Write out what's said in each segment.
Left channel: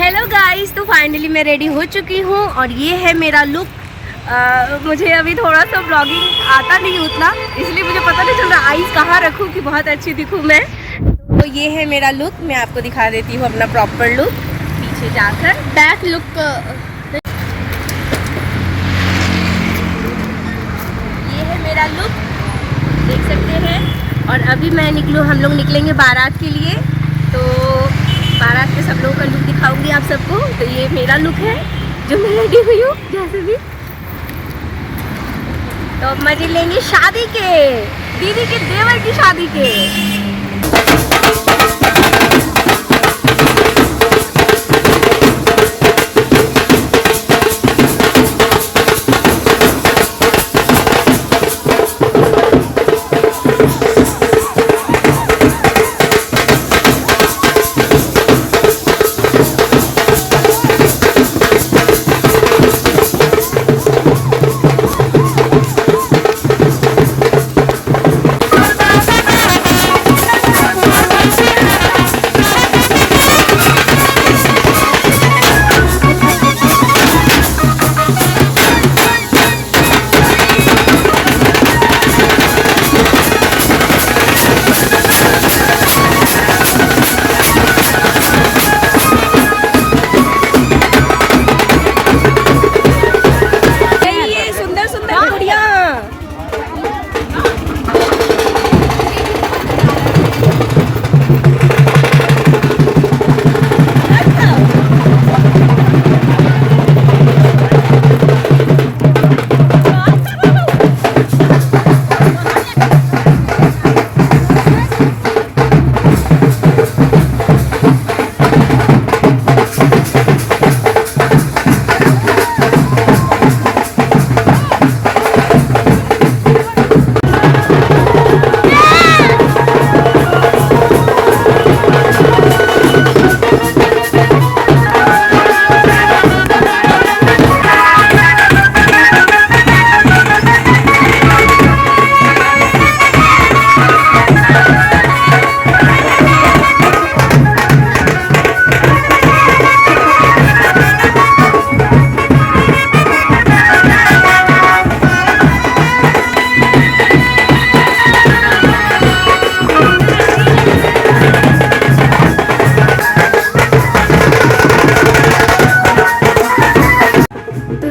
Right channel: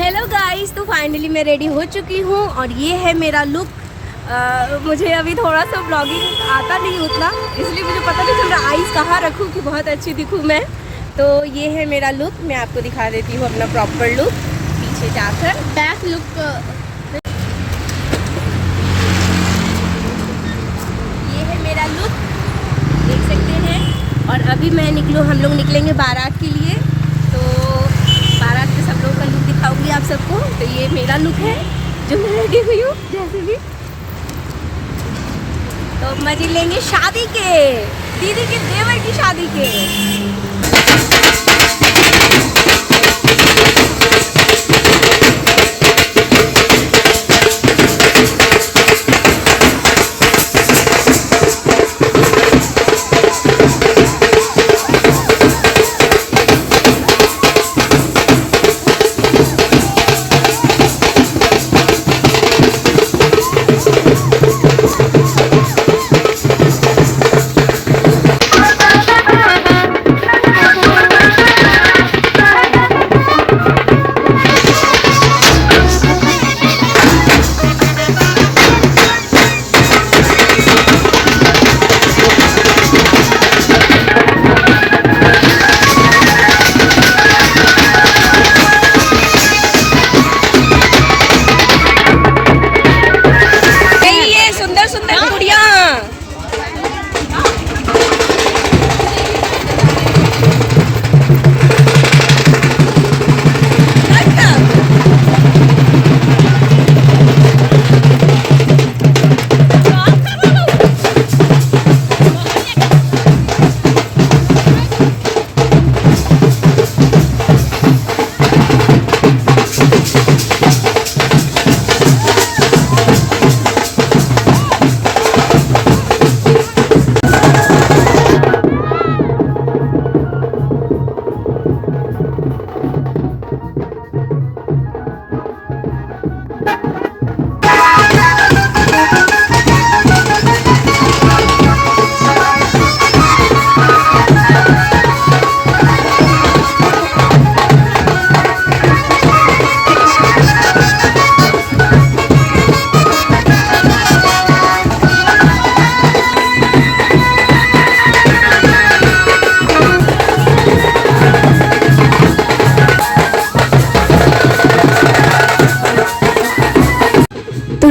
Hello guys, तो finally मैं ready हो चुकी हूँ और ये है मेरा लुक। मुझे अभी थोड़ा सा ब्लॉगिंग आता नहीं उतना, इसलिए मुझे पता नहीं चल रहा आईज कहाँ रखूँ कि बहुत अच्छी दिखूँ मैं। तो ये है मेरा लुक, मैं आपको दिखा देती हूँ अपना प्रॉपर लुक पीछे जाकर। बैक लुक ये है मेरा लुक, देख सकते हैं। और अभी हम लोग निकलेंगे बारात के लिए, तो बारात में सब लोगों का लुक दिखाऊंगी आप सबको। तो ये मेरा लुक है जो मैं रेडी हुई हूँ जैसे भी। तो मजे लेंगे शादी के, दीदी के देवर की शादी के।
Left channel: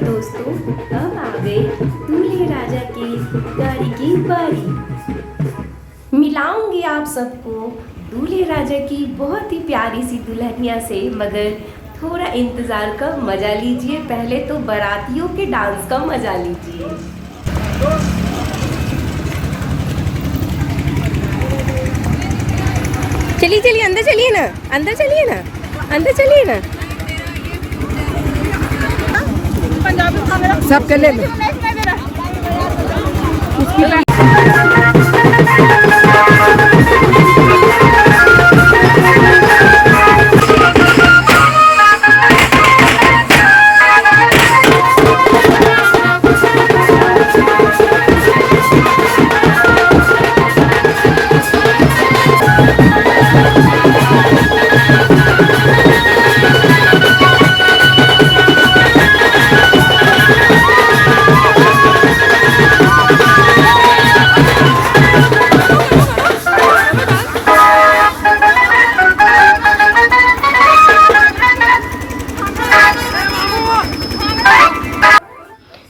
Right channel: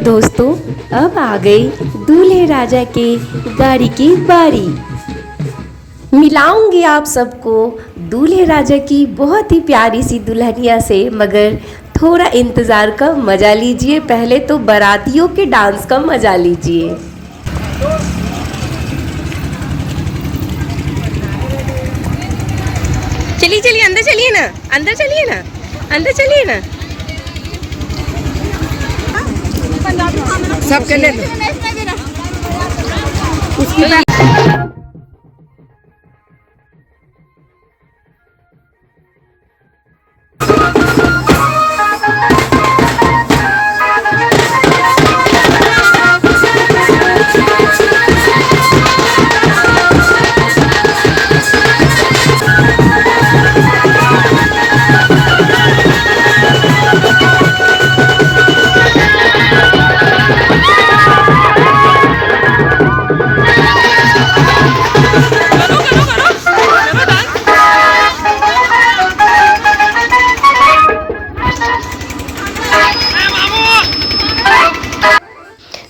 दोस्तों, अब आ गई दूल्हे राजा के गाड़ी की बारी। मिलाऊंगी आप सबको दूल्हे राजा की बहुत ही प्यारी सी दुल्हनिया से, मगर थोड़ा इंतज़ार का मज़ा लीजिए। पहले तो बारातियों के डांस का मज़ा लीजिए। चलिए चलिए अंदर चलिए ना, अंदर चलिए ना, अंदर चलिए ना। सब के ले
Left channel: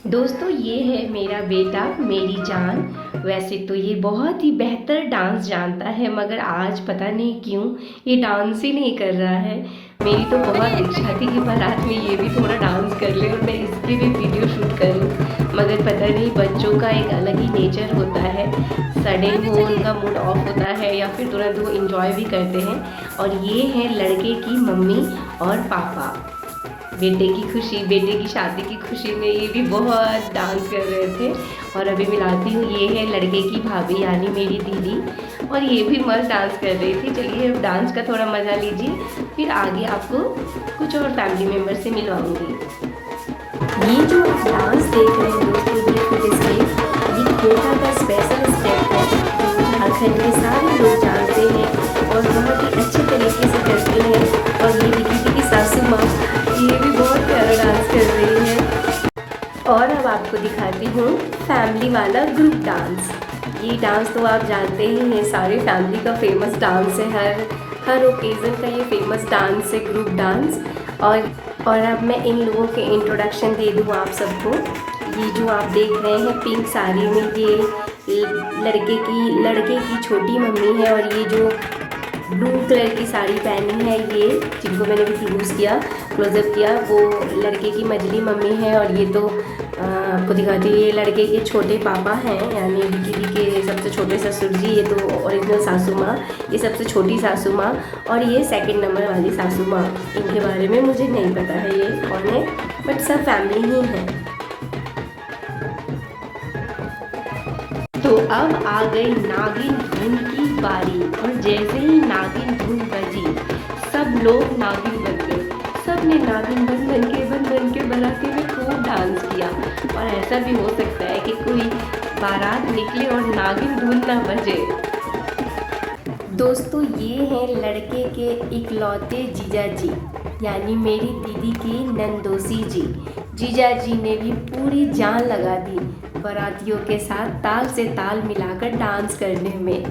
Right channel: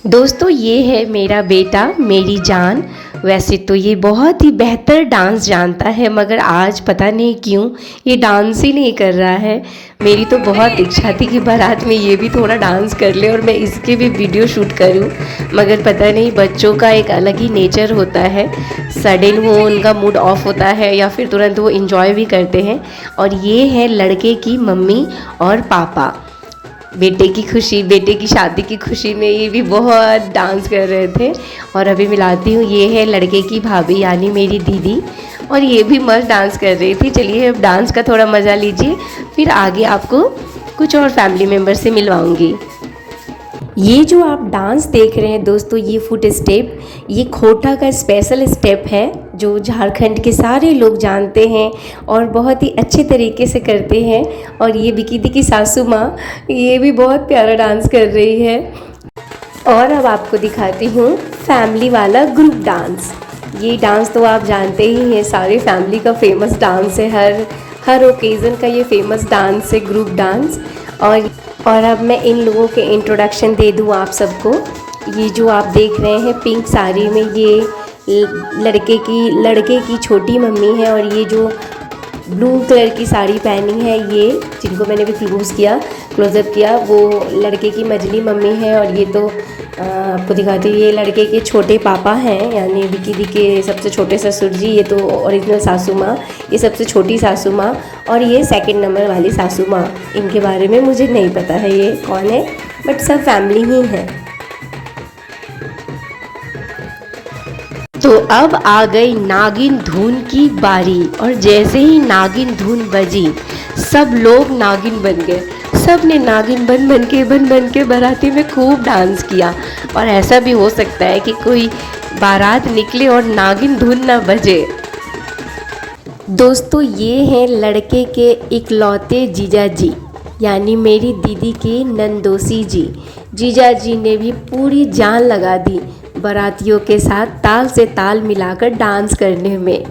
दोस्तों, ये है मेरा बेटा, मेरी जान। वैसे तो ये बहुत ही बेहतर डांस जानता है, मगर आज पता नहीं क्यों ये डांस ही नहीं कर रहा है। मेरी तो बहुत इच्छा थी कि बारात में ये भी थोड़ा डांस कर ले और मैं इसके भी वीडियो शूट करूं, मगर पता नहीं बच्चों का एक अलग ही नेचर होता है। सडन वो उनका मूड ऑफ होता है या फिर तुरंत वो इंजॉय भी करते हैं। और ये है लड़के की मम्मी और पापा। बेटे की खुशी, बेटे की शादी की खुशी में ये भी बहुत डांस कर रहे थे। और अभी मिलाती हूँ, ये है लड़के की भाभी यानी मेरी दीदी, और ये भी मस्त डांस कर रही थी। चलिए अब डांस का थोड़ा मज़ा लीजिए, फिर आगे आपको कुछ और फैमिली मेम्बर से मिलवाऊंगी। ये जो आप डांस देख रहे हैं दोस्तों, ये फुट स्टेप ये खोटा का स्पेशल स्टेप है जो झारखंड के सारे लोग जानते हैं और बहुत ही अच्छे तरीके से करते हैं। और ये विकी की सासू माँ ये भी बहुत प्यारा डांस कर रही है। और अब आपको दिखाती हूँ फैमिली वाला ग्रुप डांस। ये डांस तो आप जानते ही हैं, सारे फैमिली का फेमस डांस है, हर ओकेज़न का ये फेमस डांस है ग्रुप डांस। और अब मैं इन लोगों के इंट्रोडक्शन दे दूँ आप सबको। ये जो आप देख रहे हैं पिंक साड़ी में, ये लड़के की छोटी मम्मी है। और ये जो ब्लू कलर की साड़ी पहनी है, ये जिनको मैंने भी क्लोज किया, क्लोजअप किया, वो लड़के की मजली मम्मी है। और ये तो आपको दिखाती हूँ, ये लड़के के छोटे पापा हैं, यानी विकी दी के सबसे छोटे ससुर जी। ये तो ओरिजिनल सासू माँ, ये सबसे छोटी सासू माँ। और ये सेकंड नंबर वाली सासू माँ, इनके बारे में मुझे नहीं पता है ये कौन है, बट सब फैमिली ही है। तो अब आ गई नागिन धुन की बारी, और जैसे ही नागिन धुन बजी सब लोग नागिन बन गए। सब ने नागिन बन के बाराती में खूब डांस किया। और ऐसा भी हो सकता है कि कोई बारात निकले और नागिन धुन ना बजे। दोस्तों, ये हैं लड़के के इकलौते जीजा जी, यानी मेरी दीदी के नंदोसी जी। जीजा जी ने भी पूरी जान लगा दी बारातियों के साथ ताल से ताल मिलाकर डांस करने में।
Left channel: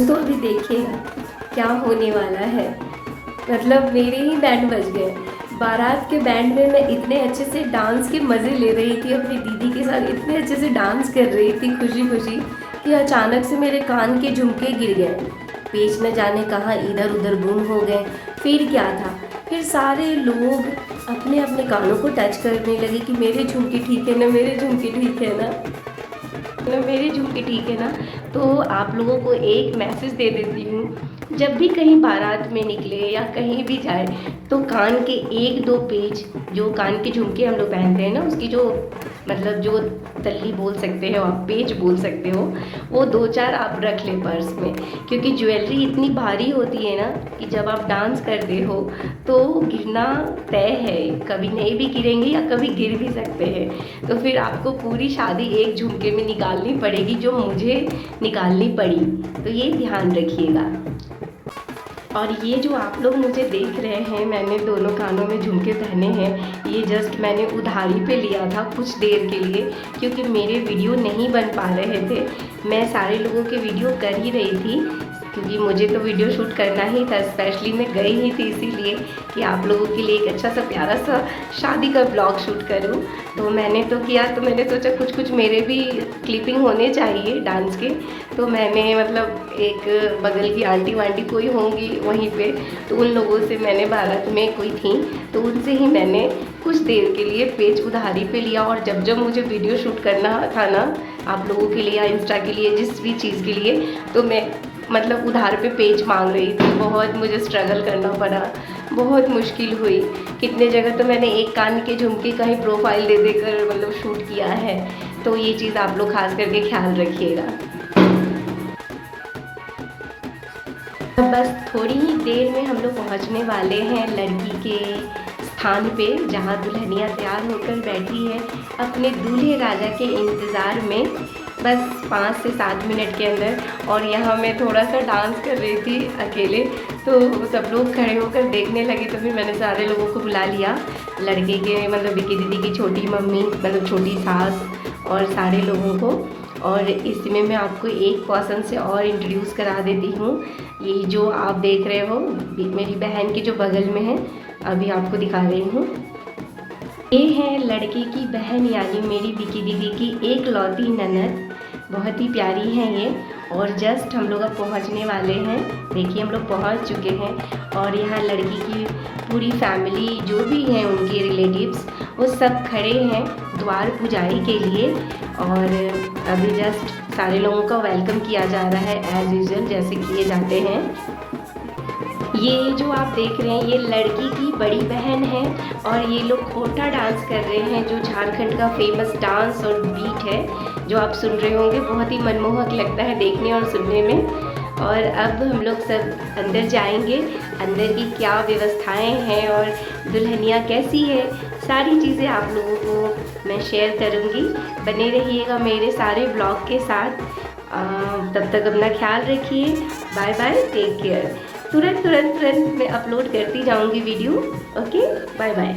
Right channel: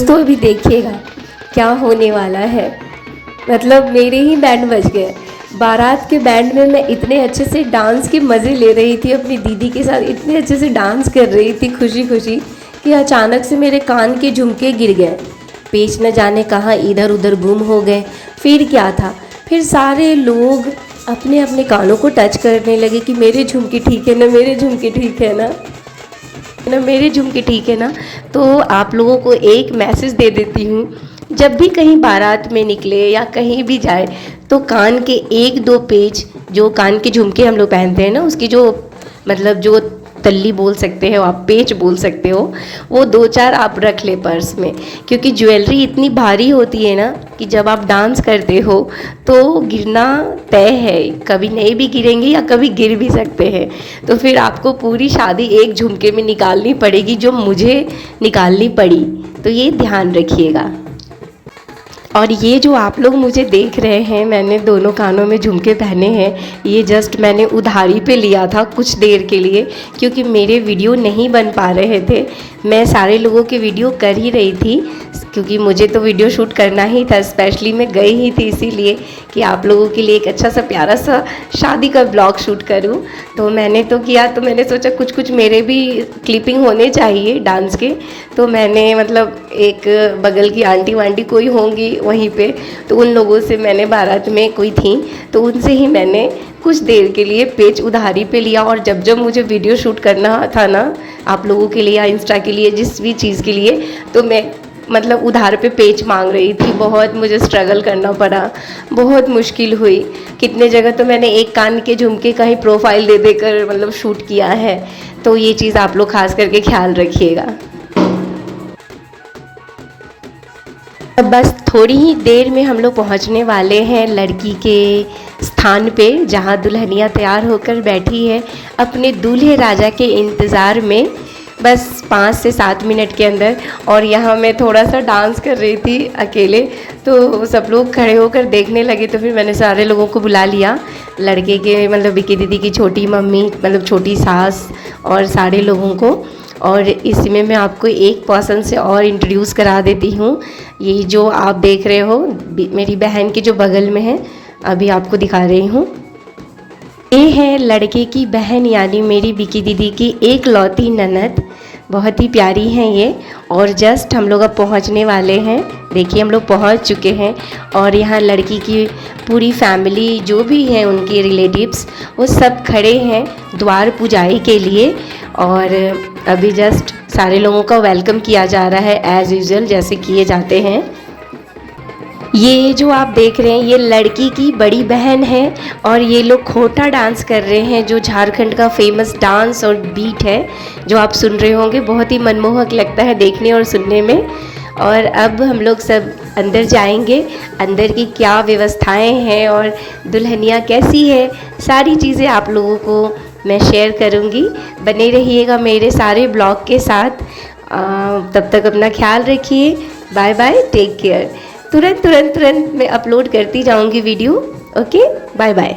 तो अभी देखिएगा क्या होने वाला है। मतलब मेरे ही बैंड बज गए। बारात के बैंड में मैं इतने अच्छे से डांस के मज़े ले रही थी, अपनी दीदी के साथ इतने अच्छे से डांस कर रही थी खुशी खुशी, कि अचानक से मेरे कान के झुमके गिर गए। पेच न जाने कहाँ इधर उधर गुम हो गए। फिर क्या था, फिर सारे लोग अपने अपने कानों को टच करने लगे कि मेरे झुमके ठीक है ना, मेरे झुमके ठीक है ना, मेरे झुमके ठीक है ना। तो आप लोगों को एक मैसेज दे देती हूँ, जब भी कहीं बारात में निकले या कहीं भी जाए तो कान के एक दो पेच, जो कान के झुमके हम लोग पहनते हैं ना, उसकी जो मतलब जो तल्ली बोल सकते हो आप, पेच बोल सकते हो, वो दो चार आप रख ले पर्स में। क्योंकि ज्वेलरी इतनी भारी होती है ना कि जब आप डांस करते हो तो गिरना तय है, कभी नहीं भी गिरेंगे या कभी गिर भी सकते हैं। तो फिर आपको पूरी शादी एक झुमके में निकालनी पड़ेगी, जो मुझे निकालनी पड़ी। तो ये ध्यान रखिएगा। और ये जो आप लोग मुझे देख रहे हैं, मैंने दोनों कानों में झुमके पहने हैं, ये जस्ट मैंने उधारी पे लिया था कुछ देर के लिए, क्योंकि मेरे वीडियो नहीं बन पा रहे थे। मैं सारे लोगों के वीडियो कर ही रही थी, क्योंकि मुझे तो वीडियो शूट करना ही था। स्पेशली मैं गई ही थी इसीलिए कि आप लोगों के लिए एक अच्छा सा प्यारा सा शादी का ब्लॉग शूट करूं। तो मैंने तो किया, तो मैंने सोचा कुछ कुछ मेरे भी क्लिपिंग होने चाहिए डांस के। तो मैंने मतलब एक बगल की आंटी वांटी कोई होंगी वहीं पे, तो उन लोगों से मैंने, बारात में कोई थी तो उनसे ही मैंने कुछ देर के लिए पेज उधारी पे लिया। और जब जब मुझे वीडियो शूट करना था ना आप लोगों के लिए या इंस्टा के लिए, जिस भी चीज़ के लिए, तो मैं मतलब उधार पे पेज मांग रही थी। बहुत मुझे स्ट्रगल करना पड़ा, बहुत मुश्किल हुई। कितने जगह तो मैंने एक कान के झुमके का ही प्रोफाइल दे देकर मतलब शूट किया है। तो ये चीज़ आप लोग खास करके ख्याल रखिएगा। अब बस थोड़ी ही देर में हम लोग पहुंचने वाले हैं लड़की के स्थान पे, जहां दुल्हनिया तैयार होकर बैठी है अपने दूल्हे राजा के इंतज़ार में। बस 5 से 7 मिनट के अंदर। और यहाँ मैं थोड़ा सा डांस कर रही थी अकेले, तो सब लोग खड़े होकर देखने लगे, तो फिर मैंने सारे लोगों को बुला लिया, लड़के के मतलब विकी दीदी की छोटी मम्मी मतलब छोटी सास और सारे लोगों को। और इसमें मैं आपको एक पर्सन से और इंट्रोड्यूस करा देती हूँ। ये जो आप देख रहे हो मेरी बहन के जो बगल में है, अभी आपको दिखा रही हूँ। ये है लड़के की बहन, यानी मेरी विकी दीदी की एक लौती ननद। बहुत ही प्यारी हैं ये। और जस्ट हम लोग अब पहुंचने वाले हैं। देखिए हम लोग पहुंच चुके हैं। और यहाँ लड़की की पूरी फैमिली जो भी हैं उनके रिलेटिव्स वो सब खड़े हैं द्वार पुजाई के लिए। और अभी जस्ट सारे लोगों का वेलकम किया जा रहा है एज़ यूजुअल जैसे किए जाते हैं। ये जो आप देख रहे हैं ये लड़की की बड़ी बहन है और ये लोग खोटा डांस कर रहे हैं, जो झारखंड का फेमस डांस और बीट है जो आप सुन रहे होंगे। बहुत ही मनमोहक लगता है देखने और सुनने में। और अब हम लोग सब अंदर जाएंगे, अंदर की क्या व्यवस्थाएं हैं और दुल्हनिया कैसी है, सारी चीज़ें आप लोगों को मैं शेयर करूंगी। बने रहिएगा मेरे सारे ब्लॉग के साथ। तब तक अपना ख्याल रखिए। Bye bye, take care. तुरंत मैं अपलोड करती जाऊंगी वीडियो। Okay, bye bye.